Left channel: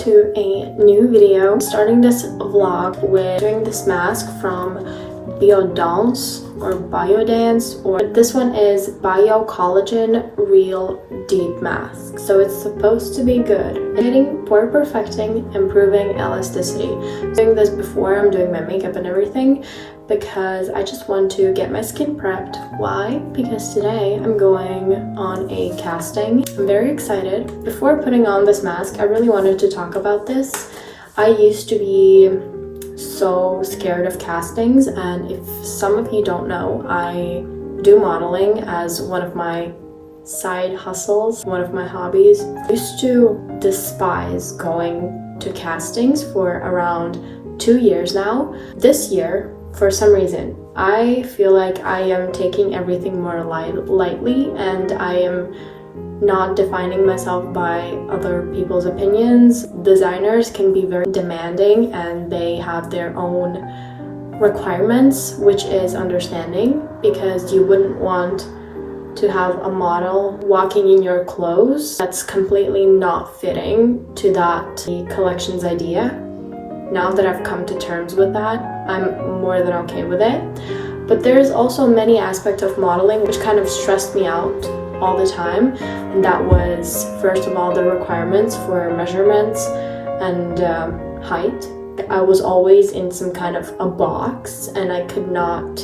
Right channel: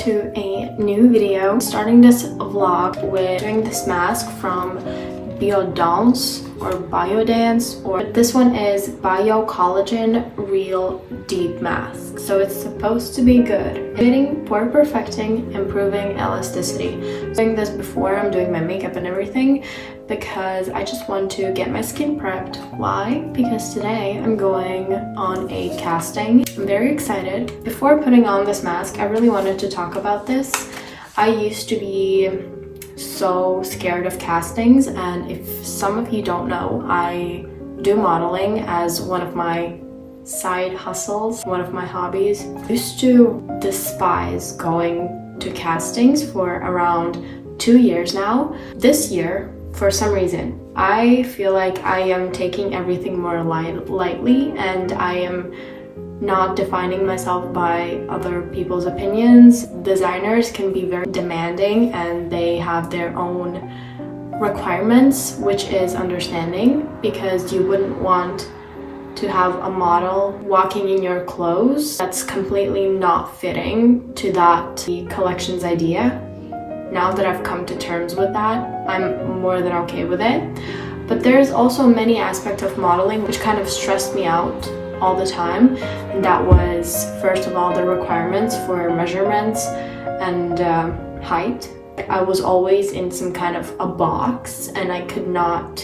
to a new video. I'm starting this vlog with doing this mask from Biodance or Biodance, or this one is Bio Collagen Real Deep Mask. So it's supposed to be good. Getting pore perfecting, improving elasticity. I'm doing this before I'm doing my makeup and everything because I just want to get my skin prepped. Why? Because today I'm going on a casting. I'm very excited. Before putting on this mask, I really wanted to talk about this. I used to be so scared of castings, and if some of you don't know, I do modeling as one of my side hustles, one of my hobbies. I used to despise going to castings for around 2 years now. This year, for some reason, I feel like I am taking everything more lightly, and I am not defining myself by other people's opinions. Designers can be very demanding and they have their own requirements, which is understanding, because you wouldn't want to have a model walking in your clothes that's completely not fitting to that collection's idea. Now that I've come to terms with that, I'm more than okay with it. But there's also many aspects of modeling which kind of stressed me out all the time, and that was, first of all, the requirements for measurements and height. I was always in some kind of a box and I could not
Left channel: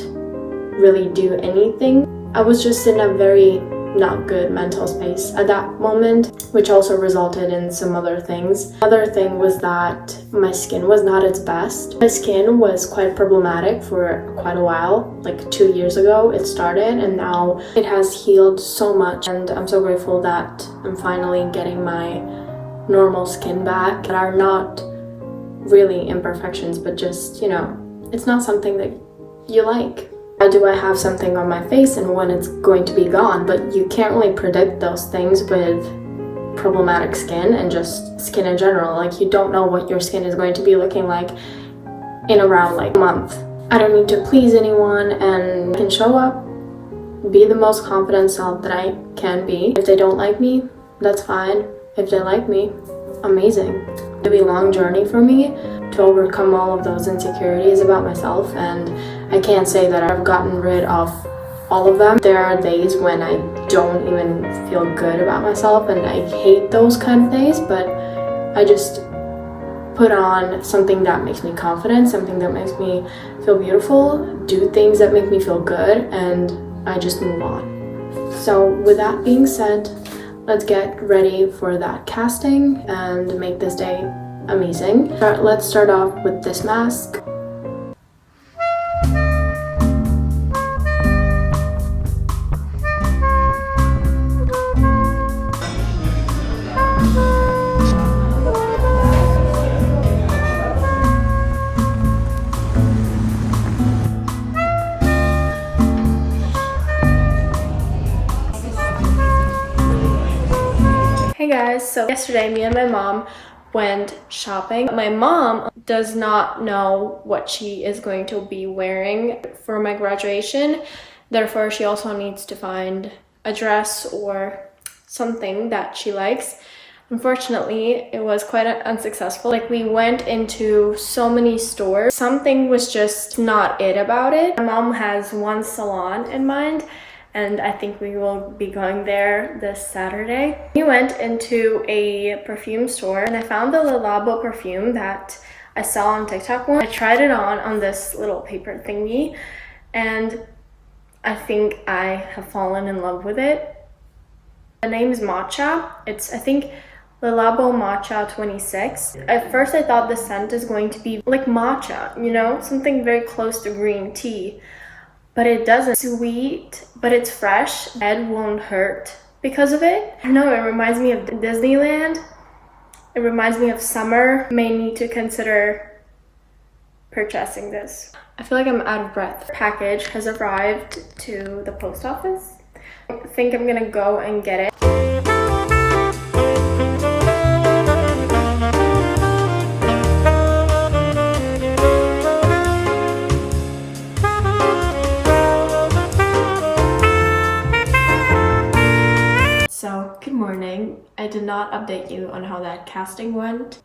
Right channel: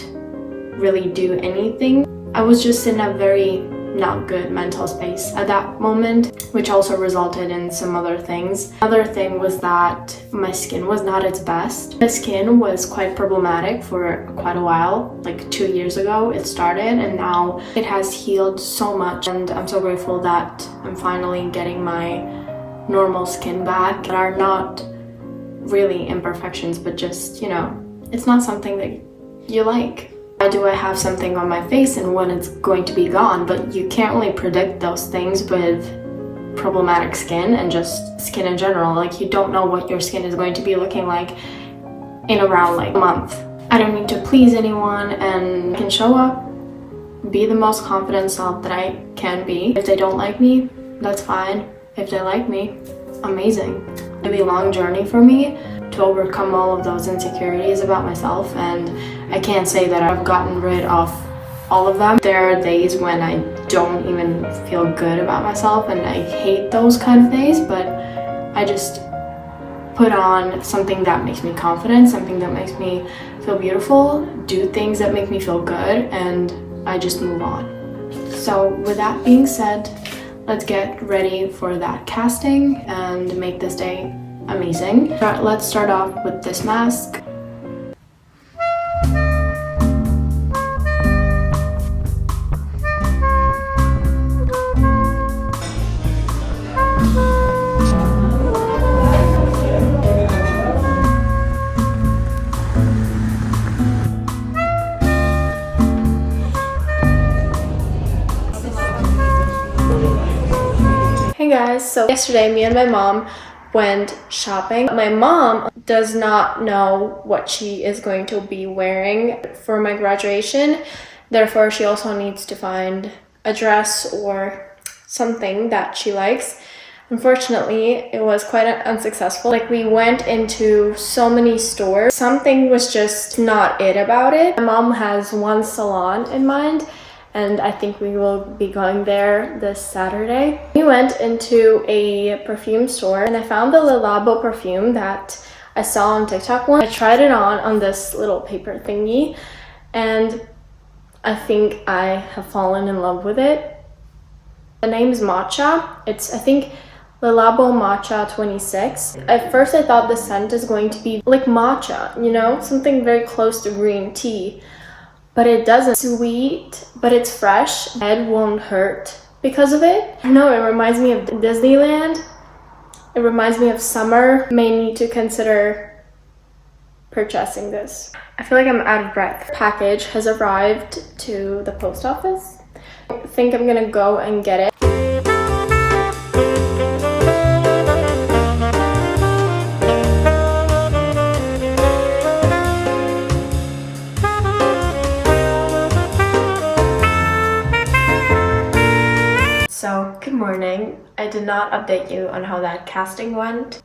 really do anything. I was just in a very not good mental space at that moment, which also resulted in some other things. Another thing was that my skin was not its best. My skin was quite problematic for quite a while, like 2 years ago it started, and now it has healed so much, and I'm so grateful that I'm finally getting my normal skin back. There are not really imperfections, but just, you know, it's not something that you like. Do I have something on my face and when it's going to be gone? But you can't really predict those things with problematic skin and just skin in general. Like, you don't know what your skin is going to be looking like in around like a month. I don't need to please anyone and I can show up, be the most confident self that I can be. If they don't like me, that's fine. If they like me, amazing. It'll be a long journey for me to overcome all of those insecurities about myself, and I can't say that I've gotten rid of all of them. There are days when I don't even feel good about myself and I hate those kind of days, but I just put on something that makes me confident, something that makes me feel beautiful, do things that make me feel good, and I just move on. So with that being said, let's get ready for that casting and make this day amazing. Let's start off with this mask. Hey guys, so yesterday me and my mom went shopping. My mom does not know what she is going to be wearing for my graduation. Therefore, she also needs to find a dress or something that she likes. Unfortunately, it was quite unsuccessful. Like, we went into so many stores. Something was just not it about it. My mom has one salon in mind, and I think we will be going there this Saturday. We went into a perfume store and I found the Le Labo perfume that I saw on TikTok once. I tried it on this little paper thingy, and I think I have fallen in love with it. The name is Matcha. It's, I think, Le Labo Matcha 26. At first I thought the scent is going to be like matcha, you know, something very close to green tea. But it doesn't. Sweet, but it's fresh. Head won't hurt because of it. I know, it reminds me of Disneyland. It reminds me of summer. May need to consider purchasing this. I feel like I'm out of breath. Package has arrived to the post office. I think I'm gonna go and get it. So, good morning. I did not update you on how that casting went.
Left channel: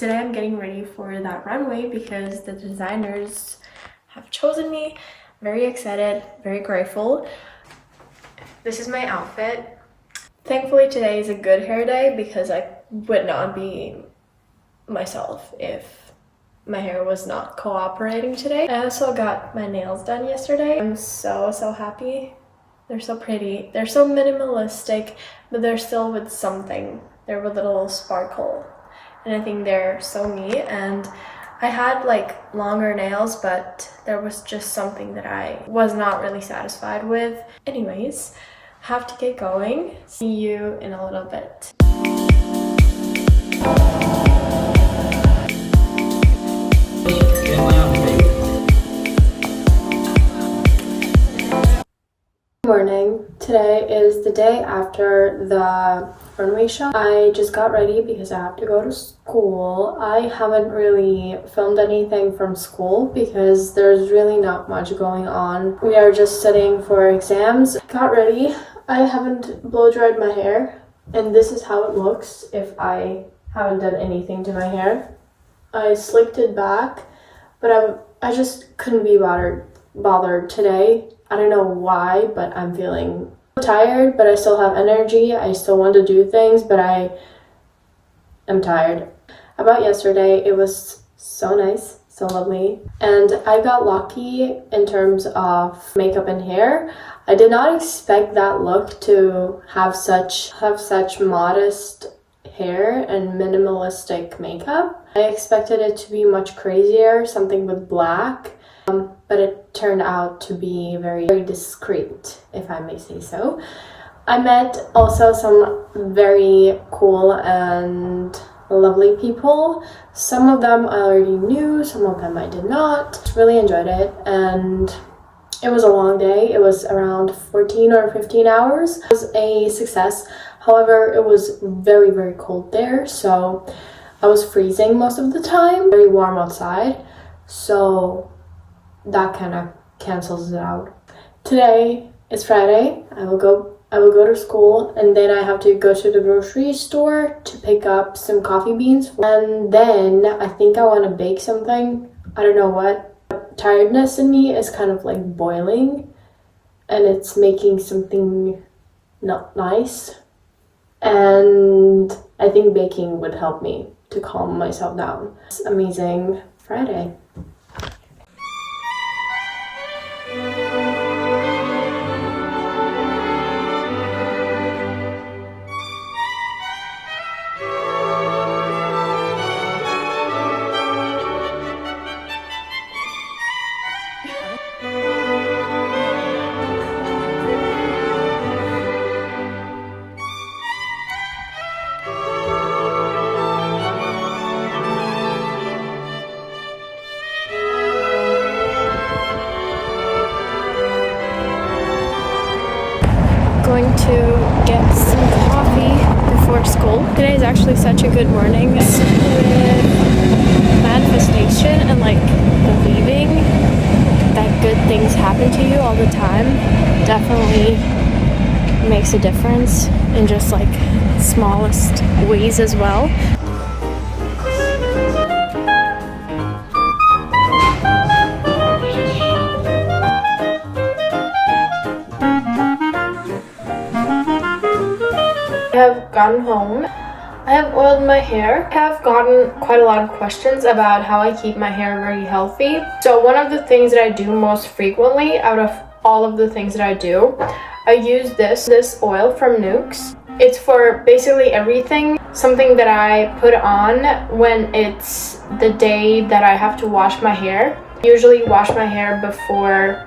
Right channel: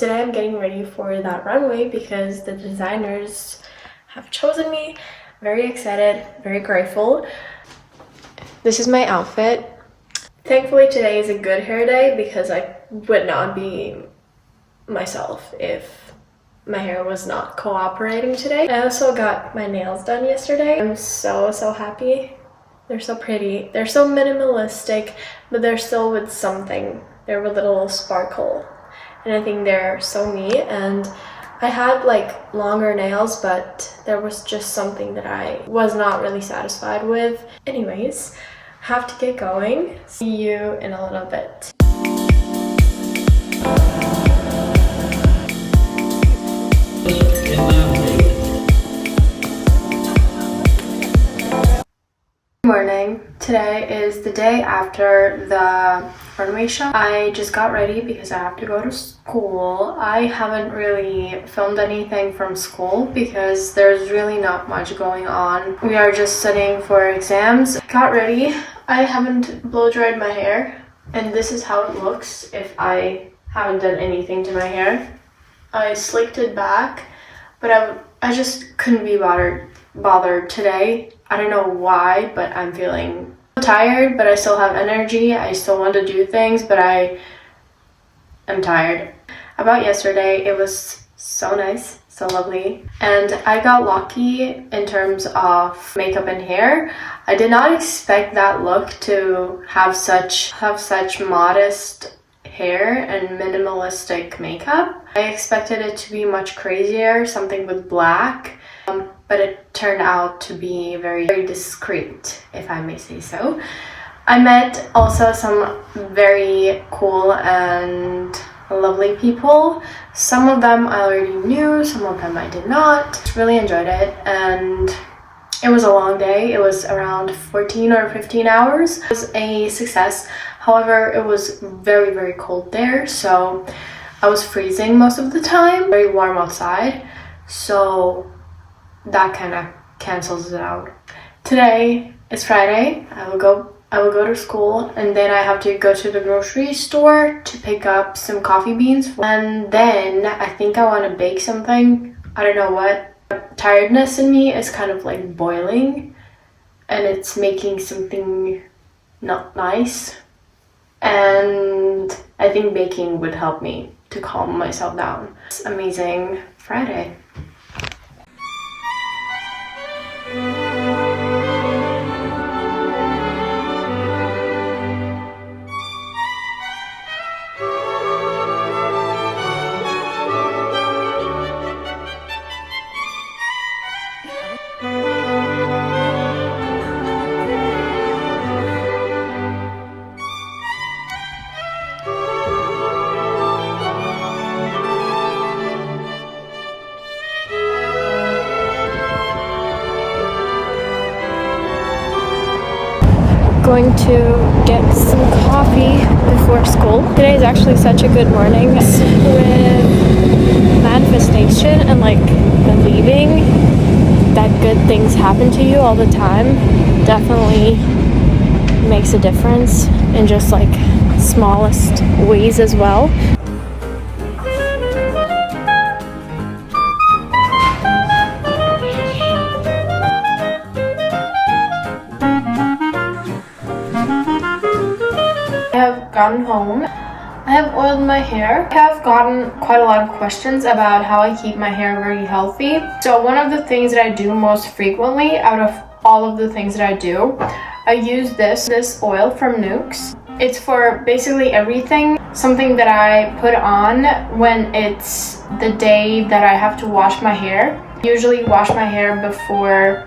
Today I'm getting ready for that runway because the designers have chosen me. Very excited, very grateful. This is my outfit. Thankfully today is a good hair day because I would not be myself if my hair was not cooperating today. I also got my nails done yesterday. I'm so happy. They're so pretty. They're so minimalistic, but they're still with something. They're with a little sparkle. And I think they're so me. And I had like longer nails, but there was just something that I was not really satisfied with. Anyways, have to get going. See you in a little bit. Morning. Today is the day after the runway show. I just got ready because I have to go to school. I haven't really filmed anything from school because there's really not much going on. We are just studying for exams. Got ready. I haven't blow dried my hair, and this is how it looks if I haven't done anything to my hair. I slicked it back, but I just couldn't be bothered today. I don't know why, but I'm feeling tired, but I still have energy. I still want to do things, but I am tired. About yesterday, it was so nice, so lovely. And I got lucky in terms of makeup and hair. I did not expect that look to have such modest hair and minimalistic makeup. I expected it to be much crazier, something with black. But it turned out to be very discreet, if I may say so. I met also some very cool and lovely people. Some of them I already knew, some of them I did not. Really enjoyed it, and it was a long day. It was around 14 or 15 hours. It was a success. However, it was very cold there, so I was freezing most of the time. Very warm outside, so that kind of cancels it out. Today is Friday. I will go to school, and then I have to go to the grocery store to pick up some coffee beans, and then I think I want to bake something. I don't know what. Tiredness in me is kind of like boiling, and it's making something not nice, and I think baking would help me to calm myself down. It's amazing Friday. Going to get some coffee before school. Today is actually such a good morning with manifestation and like believing that good things happen to you all the time. Definitely makes a difference in just like smallest ways as well. I have gotten home. I have oiled my hair. I have gotten quite a lot of questions about how I keep my hair very healthy. So one of the things that I do most frequently out of all of the things that I do, I use this oil from Nukes. It's for basically everything. Something that I put on when it's the day that I have to wash my hair. I usually wash my hair before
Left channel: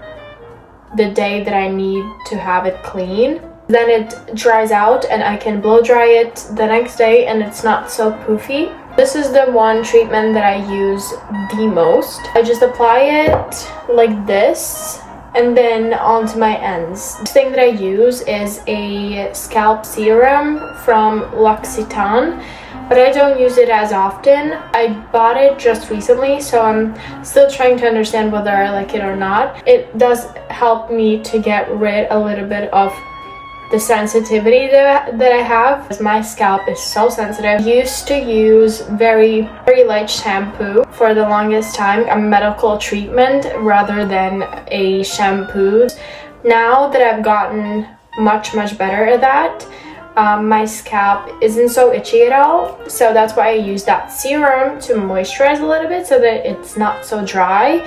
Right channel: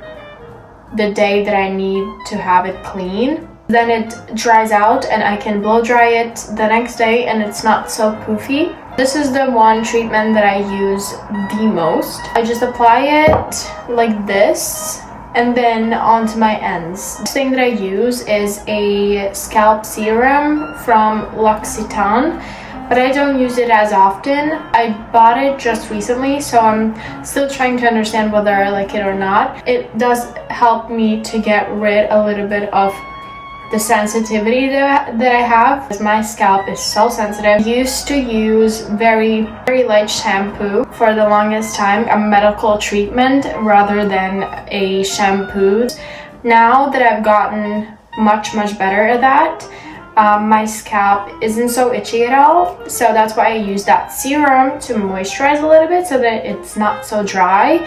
the day that I need to have it clean. Then it dries out and I can blow dry it the next day and it's not so poofy. This is the one treatment that I use the most. I just apply it like this and then onto my ends. The thing that I use is a scalp serum from L'Occitane, but I don't use it as often. I bought it just recently, so I'm still trying to understand whether I like it or not. It does help me to get rid a little bit of the sensitivity that I have, because my scalp is so sensitive. I used to use very light shampoo for the longest time, a medical treatment rather than a shampoo. Now that I've gotten much better at that, my scalp isn't so itchy at all, so that's why I use that serum to moisturize a little bit so that it's not so dry.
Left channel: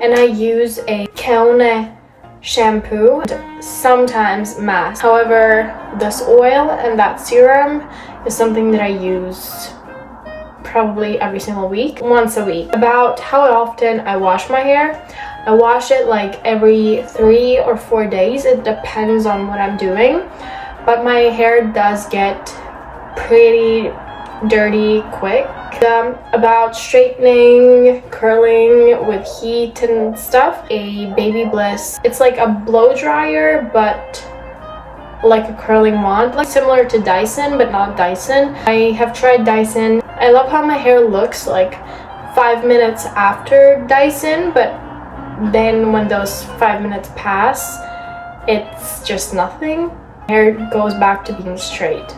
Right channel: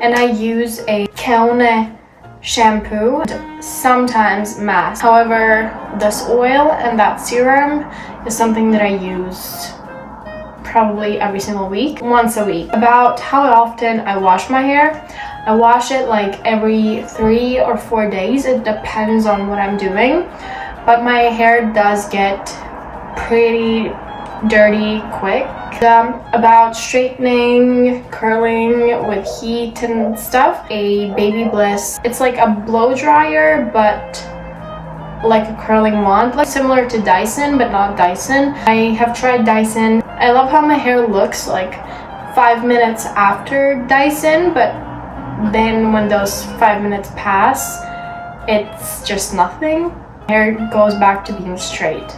And I use a Canong shampoo, sometimes mask. However, this oil and that serum is something that I use probably every single week, once a week. About how often I wash my hair, I wash it like every 3 or 4 days. It depends on what I'm doing, but my hair does get pretty dirty quick. About straightening, curling with heat and stuff, a Baby Bliss, it's like a blow dryer but like a curling wand, like similar to Dyson but not Dyson. I have tried Dyson. I love how my hair looks like 5 minutes after Dyson, but then when those 5 minutes pass, it's just nothing. Hair goes back to being straight.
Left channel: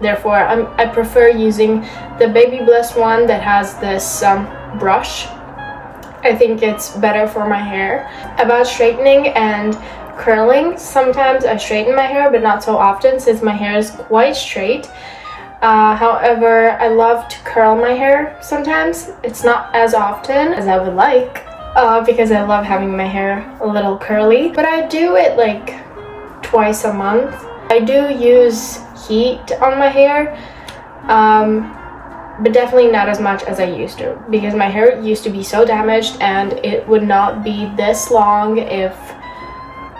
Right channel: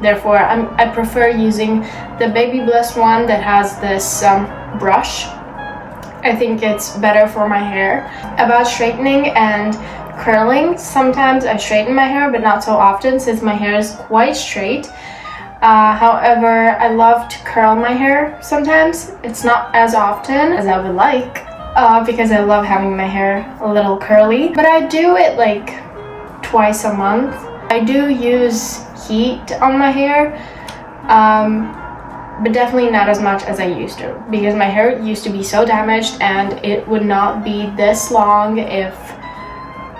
Therefore, I prefer using the Baby Bliss one that has this brush. I think it's better for my hair. About straightening and curling, sometimes I straighten my hair, but not so often since my hair is quite straight. However, I love to curl my hair sometimes. It's not as often as I would like, because I love having my hair a little curly. But I do it like twice a month. I do use heat on my hair, but definitely not as much as I used to, because my hair used to be so damaged and it would not be this long if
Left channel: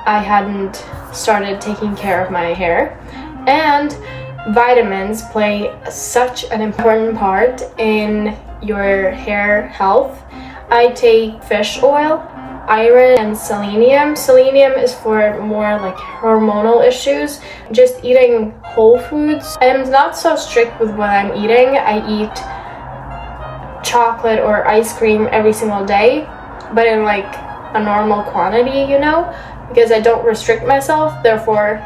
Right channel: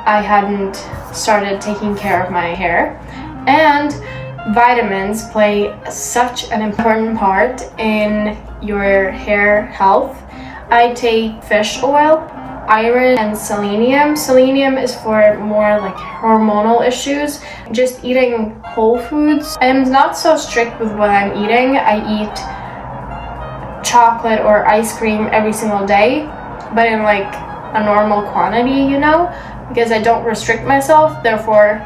I hadn't started taking care of my hair. And vitamins play such an important part in your hair health. I take fish oil, iron, and selenium. Selenium is for more like hormonal issues. Just eating whole foods. I'm not so strict with what I'm eating. I eat chocolate or ice cream every single day, but in like a normal quantity, you know, because I don't restrict myself. Therefore,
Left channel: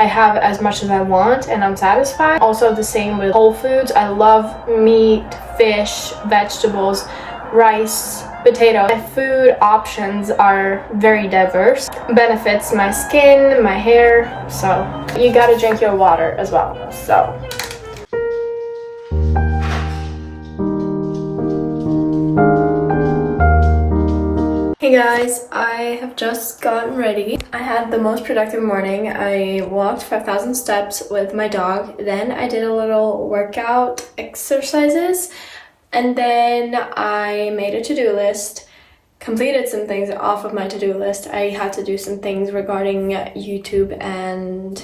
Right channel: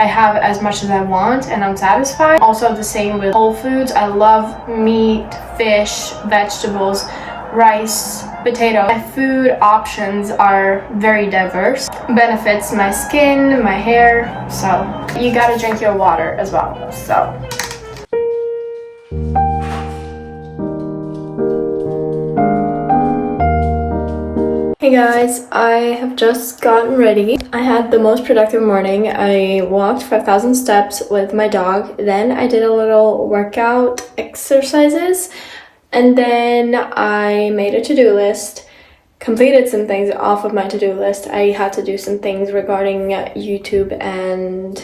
I have as much as I want and I'm satisfied. Also the same with whole foods. I love meat, fish, vegetables, rice, potato. My food options are very diverse. Benefits my skin, my hair, so you gotta drink your water as well. So hey guys, I have just gotten ready. I had the most productive morning. I walked 5,000 steps with my dog. Then I did a little workout exercises. And then I made a to-do list, completed some things off of my to-do list. I had to do some things regarding YouTube and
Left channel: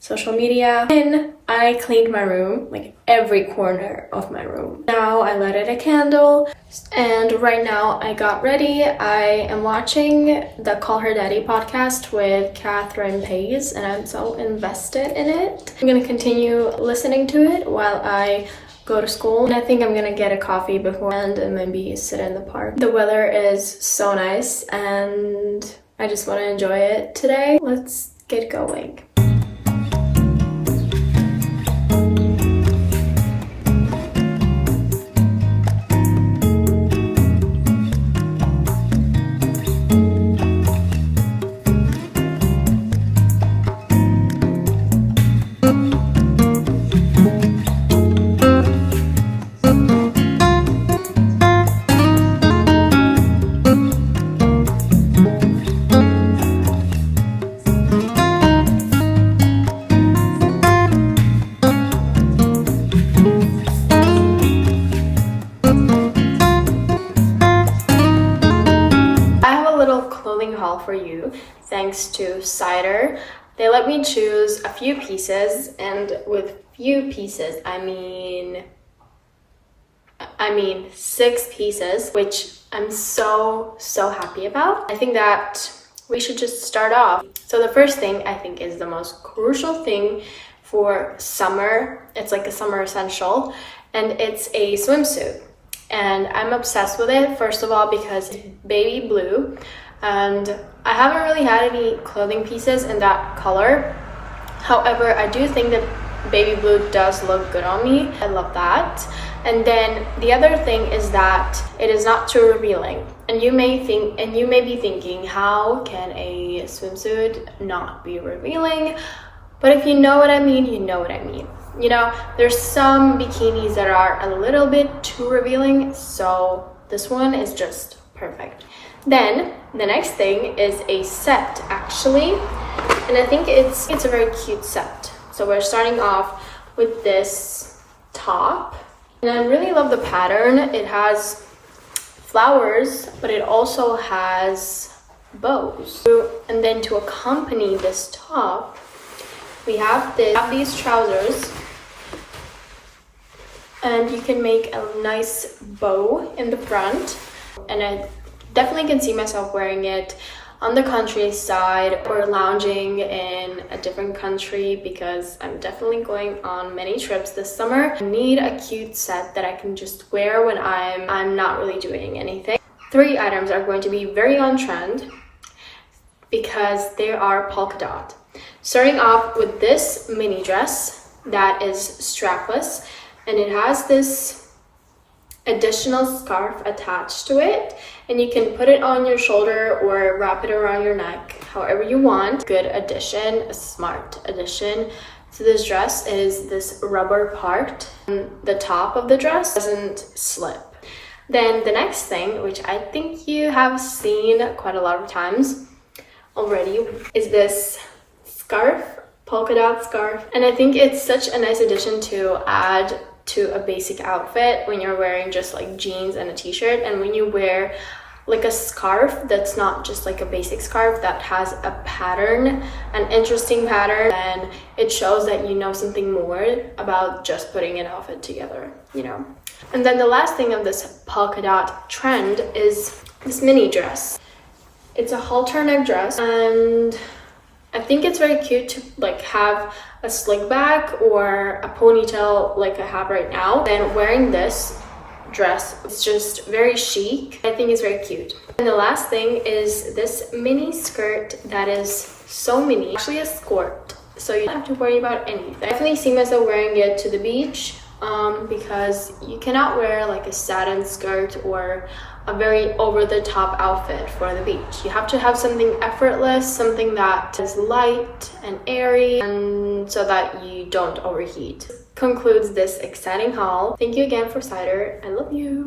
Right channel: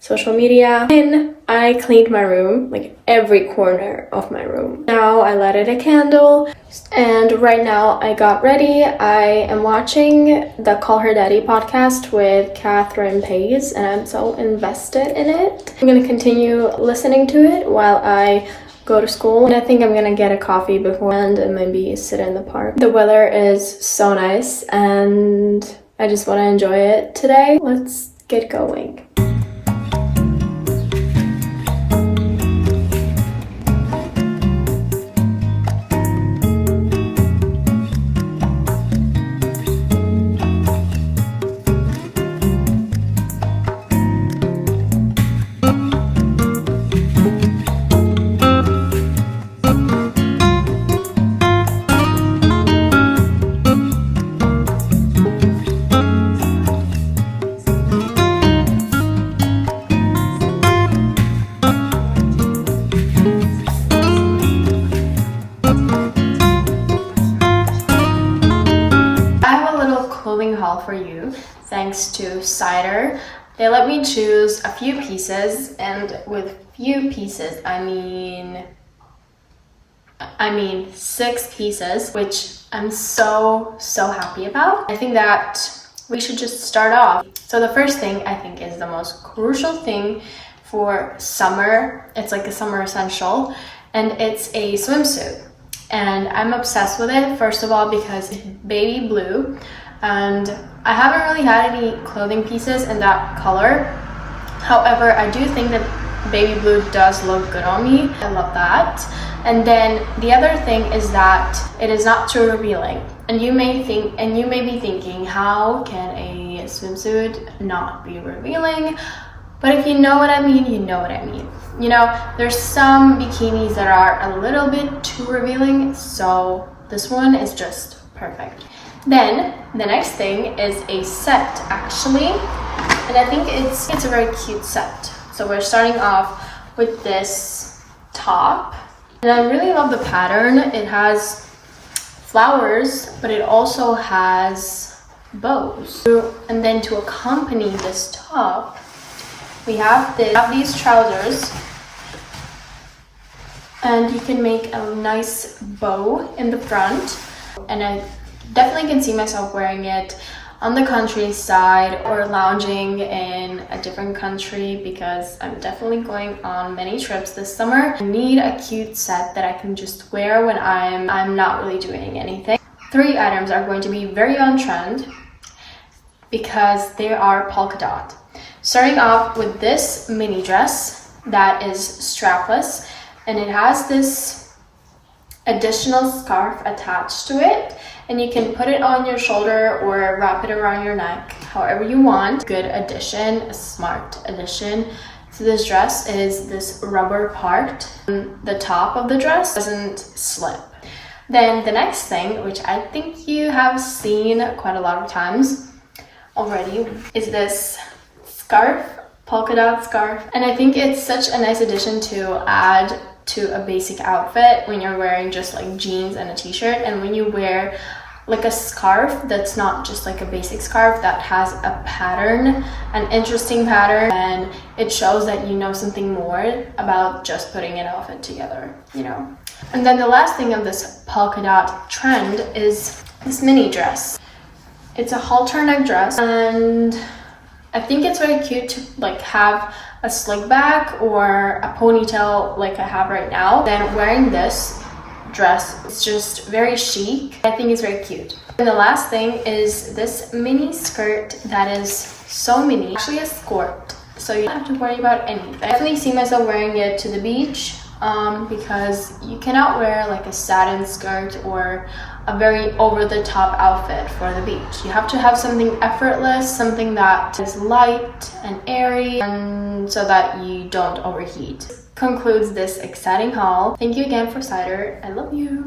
social media. Then I cleaned my room, like every corner of my room. Now I lighted a candle, and right now I got ready. I am watching the Call Her Daddy podcast with Catherine Pays, and I'm so invested in it. I'm gonna continue listening to it while I go to school, and I think I'm gonna get a coffee beforehand and maybe sit in the park. The weather is so nice and I just want to enjoy it today. Let's get going. For you, thanks to Cider. They let me choose a few pieces, and with few pieces I mean 6 pieces, which I'm so happy about. I think that we should just start off. So the first thing I think is the most crucial thing for summer. It's like a summer essential, and it's a swimsuit, and I'm obsessed with it. First of all, because it's baby blue, and I haven't really had any clothing pieces in that color. However, I do think that baby blue does look good on me. I love that. And then the other thing is that it is not too revealing. And you may be thinking, how can a swimsuit not be revealing? But if you know what I mean, you know what I mean. You know, there's some bikinis that are a little bit too revealing, so this one is just perfect. Then the next thing is a set, actually, and I think it's a very cute set. So we're starting off with this top, and I really love the pattern. It has flowers, but it also has bows. And then to accompany this top, we have these trousers, and you can make a nice bow in the front, and I definitely can see myself wearing it on the countryside or lounging in a different country, because I'm definitely going on many trips this summer. I need a cute set that I can just wear when I'm not really doing anything. 3 items are going to be very on trend because they are polka dot. Starting off with this mini dress that is strapless, and it has this additional scarf attached to it, and you can put it on your shoulder or wrap it around your neck, however you want. Good addition, a smart addition to this dress is this rubber part. The top of the dress doesn't slip. Then the next thing, which I think you have seen quite a lot of times already, is this scarf, polka dot scarf. And I think it's such a nice addition to add to a basic outfit when you're wearing just like jeans and a t-shirt. And when you wear like a scarf that's not just like a basic scarf, that has a pattern, an interesting pattern, and it shows that you know something more about just putting an outfit together, you know. And then the last thing of this polka dot trend is this mini dress. It's a halter neck dress, and I think it's very cute to like have a slick back or a ponytail like I have right now. Then wearing this dress, it's just very chic. I think it's very cute. And the last thing is this mini skirt that is so mini, actually a skirt, so you don't have to worry about anything. I definitely see myself wearing it to the beach because you cannot wear like a satin skirt or a very over-the-top outfit for the beach. You have to have something effortless, something that is light and airy, and so that you don't overheat. Concludes this exciting haul. Thank you again for cider. I love you.